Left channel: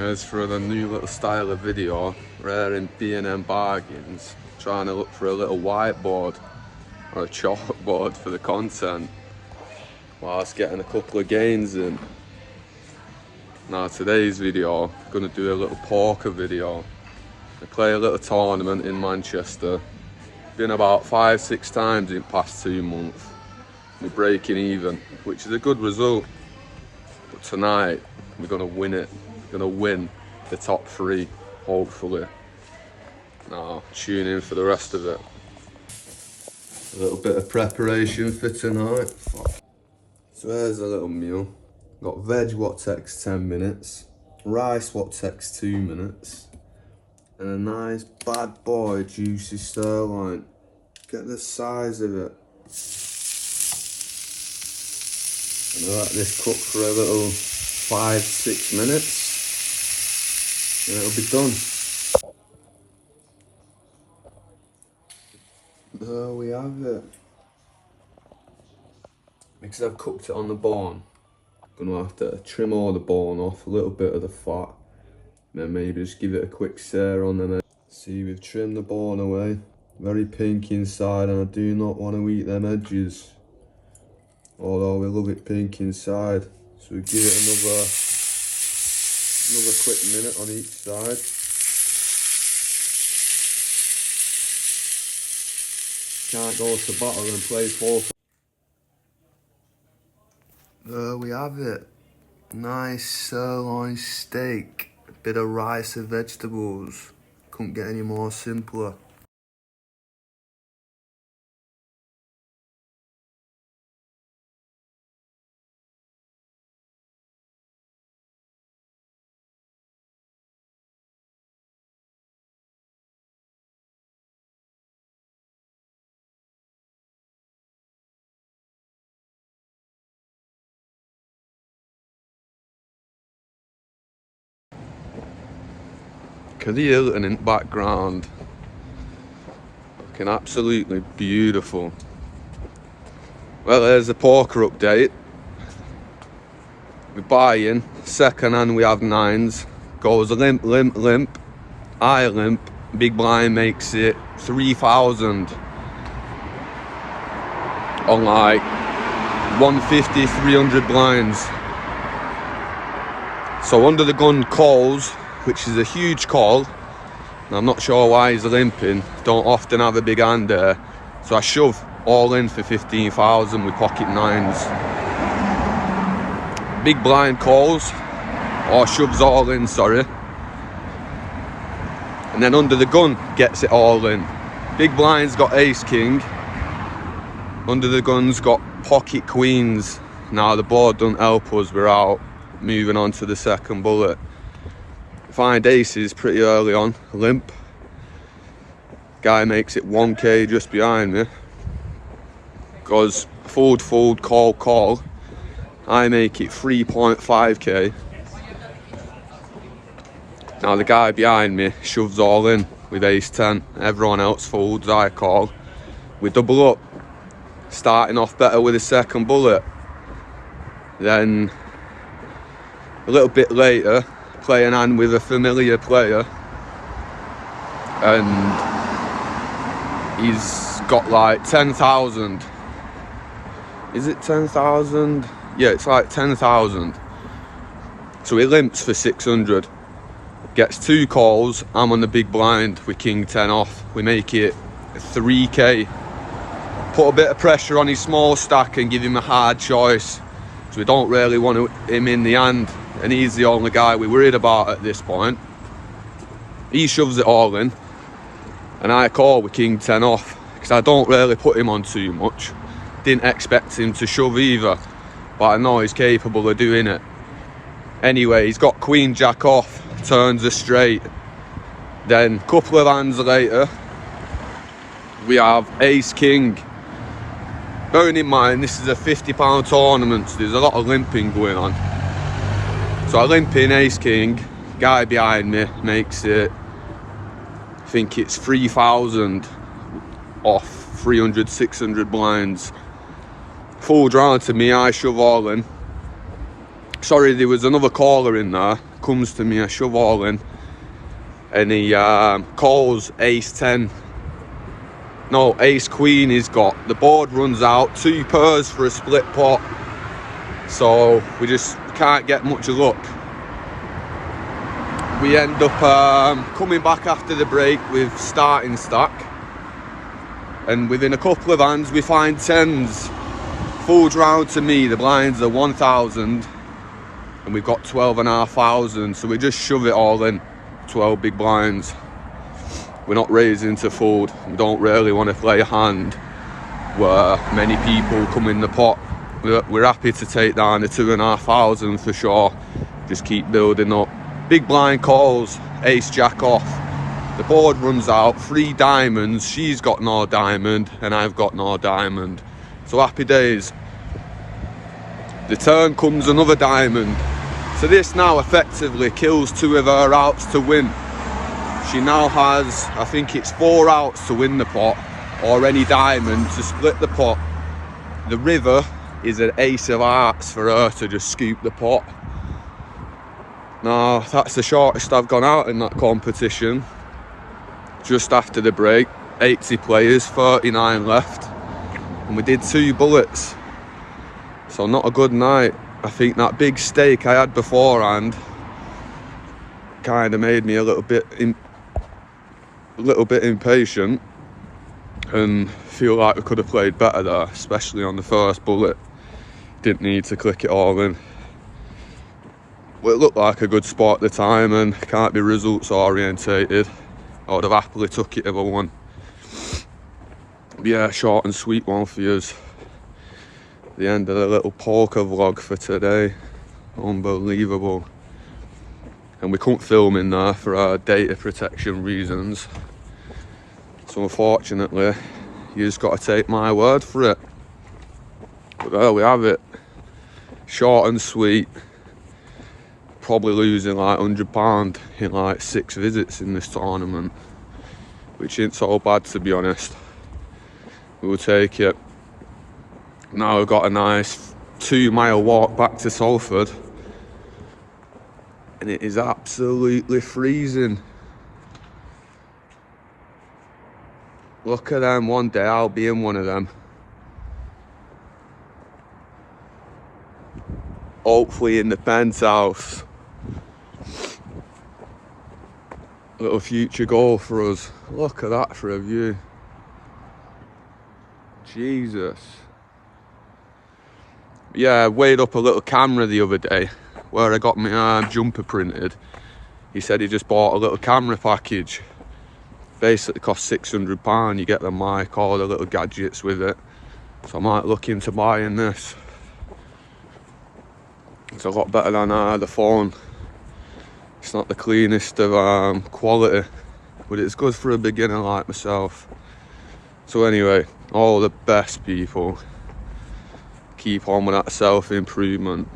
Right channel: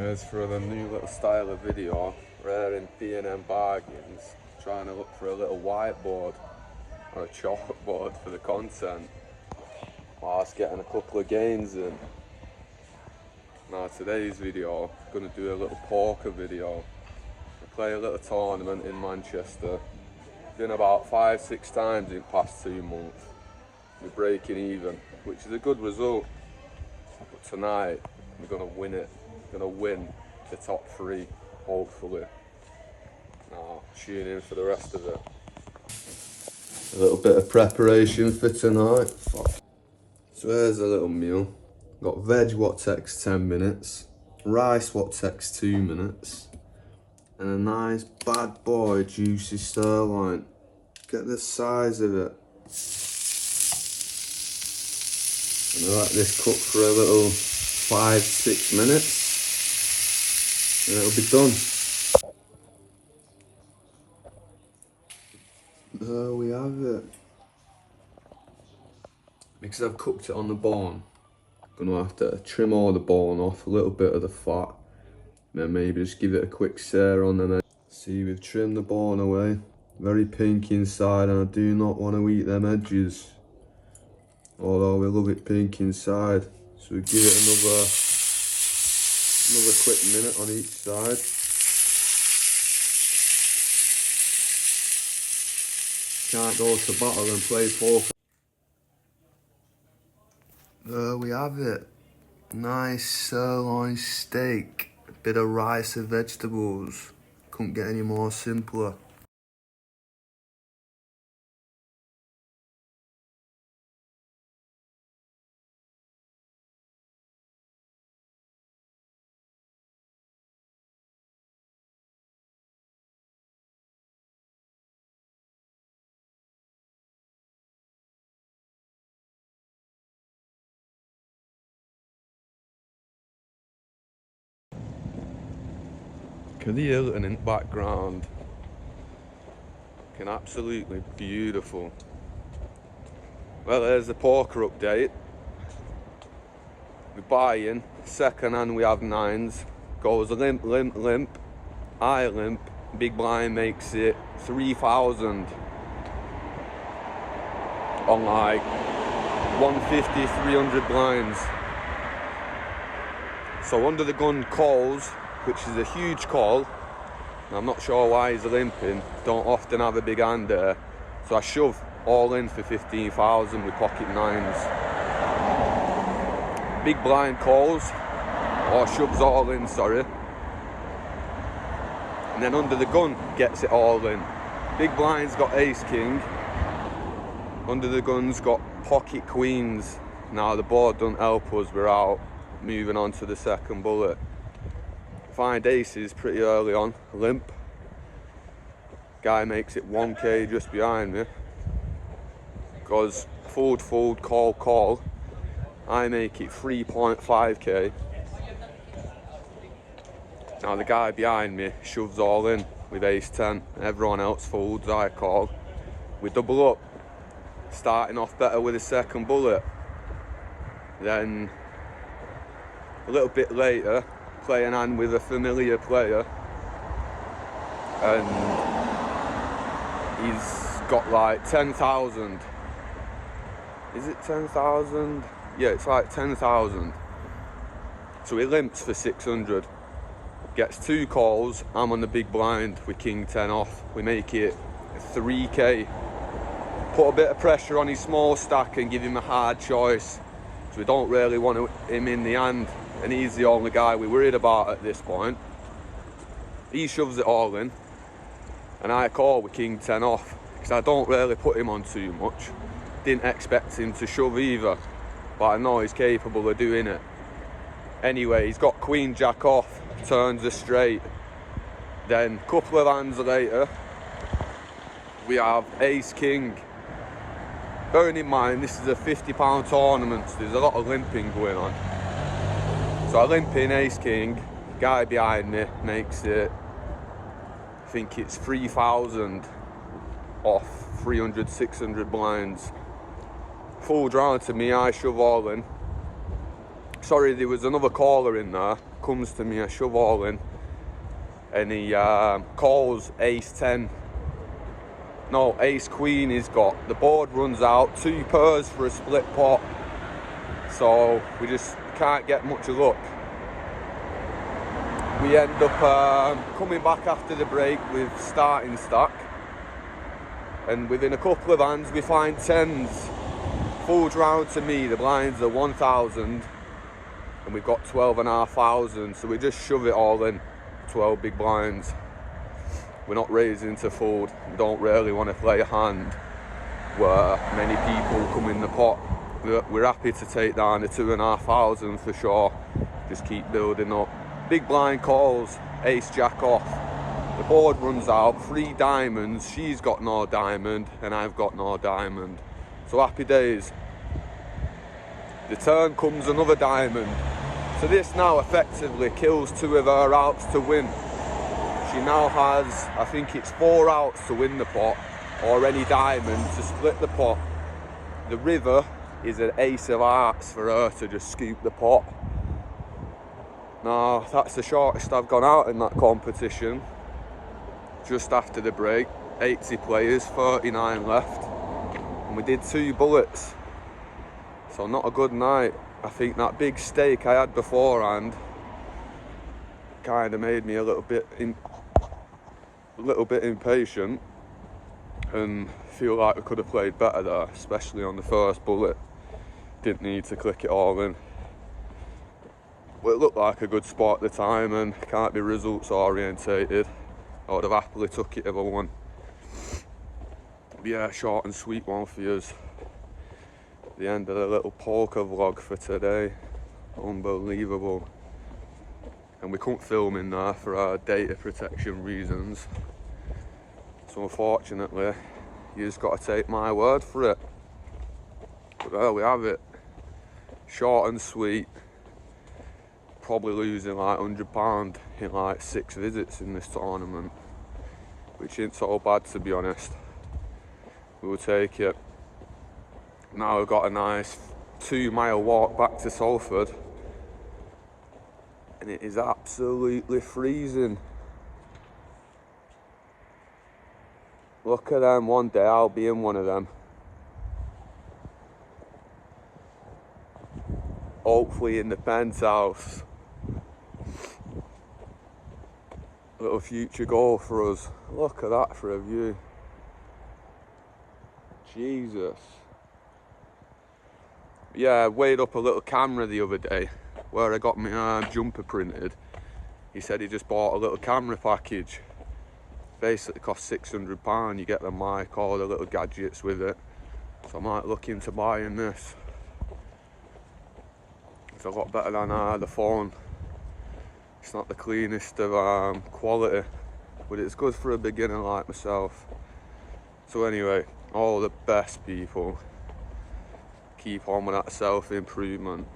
Here's for the new little style of video. We're in B&M Bargains, trying to look for a little whiteboard or a chalkboard for the content whilst getting a couple of gains in. Now today's video, I'm going to do a little poker video. I play a little tournament in Manchester. Been about 5-6 times in the past 2 months. We're breaking even, which is a good result. But tonight, we're going to win it. We're going to win the top 3, hopefully. Now, tune in for the rest of it. A little bit of preparation for tonight. So there's a little meal. Got veg what takes 10 minutes, rice what takes 2 minutes, and a nice bad boy juicy sirloin. Get the size of it. And I let this cook for a little 5-6 minutes. And it'll be done. There we have it. Because I've cooked it on the bone, I'm gonna have to trim all the bone off, a little bit of the fat, and then maybe just give it a quick sear on them. See, we've trimmed the bone away. Very pink inside, and I do not want to eat them edges. Although we love it pink inside. So we give it another quick minute on each side. Can't go to battle and play poker. There we have it. Nice sirloin steak. A bit of rice and vegetables. Couldn't get any more simpler. Look at the Hilton in the background. Looking absolutely beautiful. Well, there's the poker update. We're buying, second hand we have 9s. Goes limp, limp, limp. I limp. Big blind makes it 3,000. On like 150, 300 blinds. So under the gun calls, which is a huge call. And I'm not sure why he's limping. Don't often have a big hand there. So I shove all in for 15,000 with pocket 9s. Big blind calls, or shoves all in, sorry. And then under the gun gets it all in. Big blind's got ace king. Under the gun's got pocket queens. Now the board don't help us, we're out. Moving on to the second bullet. Find aces pretty early on, limp. Guy makes it 1k just behind me. Goes fold, fold, call, call. I make it 3.5k. Now the guy behind me shoves all in with ace 10. Everyone else folds, I call. We double up. Starting off better with the second bullet. Then a little bit later, playing hand with a familiar player, and he's got like 10,000. Is it 10,000? Yeah, it's like 10,000. So he limps for 600. Gets 2 calls. I'm on the big blind with king 10 off. We make it 3k. Put a bit of pressure on his small stack and give him a hard choice. So we don't really want him in the hand. And he's the only guy we're worried about at this point. He shoves it all in. And I call with king 10 off. Because I don't really put him on too much. Didn't expect him to shove either. But I know he's capable of doing it. Anyway, he's got queen jack off. Turns a straight. Then a couple of hands later, we have ace king. Bearing in mind, this is a £50 tournament. So there's a lot of limping going on. So I limp in ace king, guy behind me makes it, I think it's 3,000 off 300, 600 blinds. Full round to me, I shove all in. Sorry, there was another caller in there. comes to me, I shove all in, and he calls ace 10. No, ace queen he's got. The board runs out, 2 pairs for a split pot, so we just can't get much luck. We end up coming back after the break with starting stack, and within a couple of hands we find 10s. Folds round to me, the blinds are 1,000 and we've got 12,500, so we just shove it all in, 12 big blinds. We're not raising to fold. We don't really want to play a hand where many people come in the pot. We're happy to take down the 2,500 for sure. Just keep building up. Big blind calls, ace jack off. The board runs out, 3 diamonds. She's got no diamond and I've got no diamond. So happy days. The turn comes another diamond. So this now effectively kills 2 of her outs to win. She now has, I think it's 4 outs to win the pot, or any diamond to split the pot. The river is an ace of hearts for her to just scoop the pot. Now that's the shortest I've gone out in that competition. Just after the break, 80 players, 39 left, and we did 2 bullets. So not a good night. I think that big stake I had beforehand kind of made me a little bit impatient, and feel like we could have played better there, especially on the first bullet. Didn't need to click it all in. Well, it looked like a good spot at the time and can't be results orientated. I would have happily took it if I won. But yeah, short and sweet one for yous. The end of the little poker vlog for today. Unbelievable. And we couldn't film in there for our data protection reasons. So unfortunately, you just got to take my word for it. But there we have it. Short and sweet. Probably losing like £100 in like 6 visits in this tournament, which ain't so bad, to be honest. We will take it. Now we've got a nice 2-mile walk back to Salford, and it is absolutely freezing. Look at them. One day I'll be in one of them. Hopefully in the penthouse. Little future goal for us. Look at that for a view. Jesus. Yeah, I weighed up a little camera the other day where I got my jumper printed. He said he just bought a little camera package. Basically cost £600. You get the mic, all the little gadgets with it. So I might look into buying this. It's a lot better than the phone. It's not the cleanest of quality, but it's good for a beginner like myself. So anyway, all the best, people. Keep on with that self-improvement.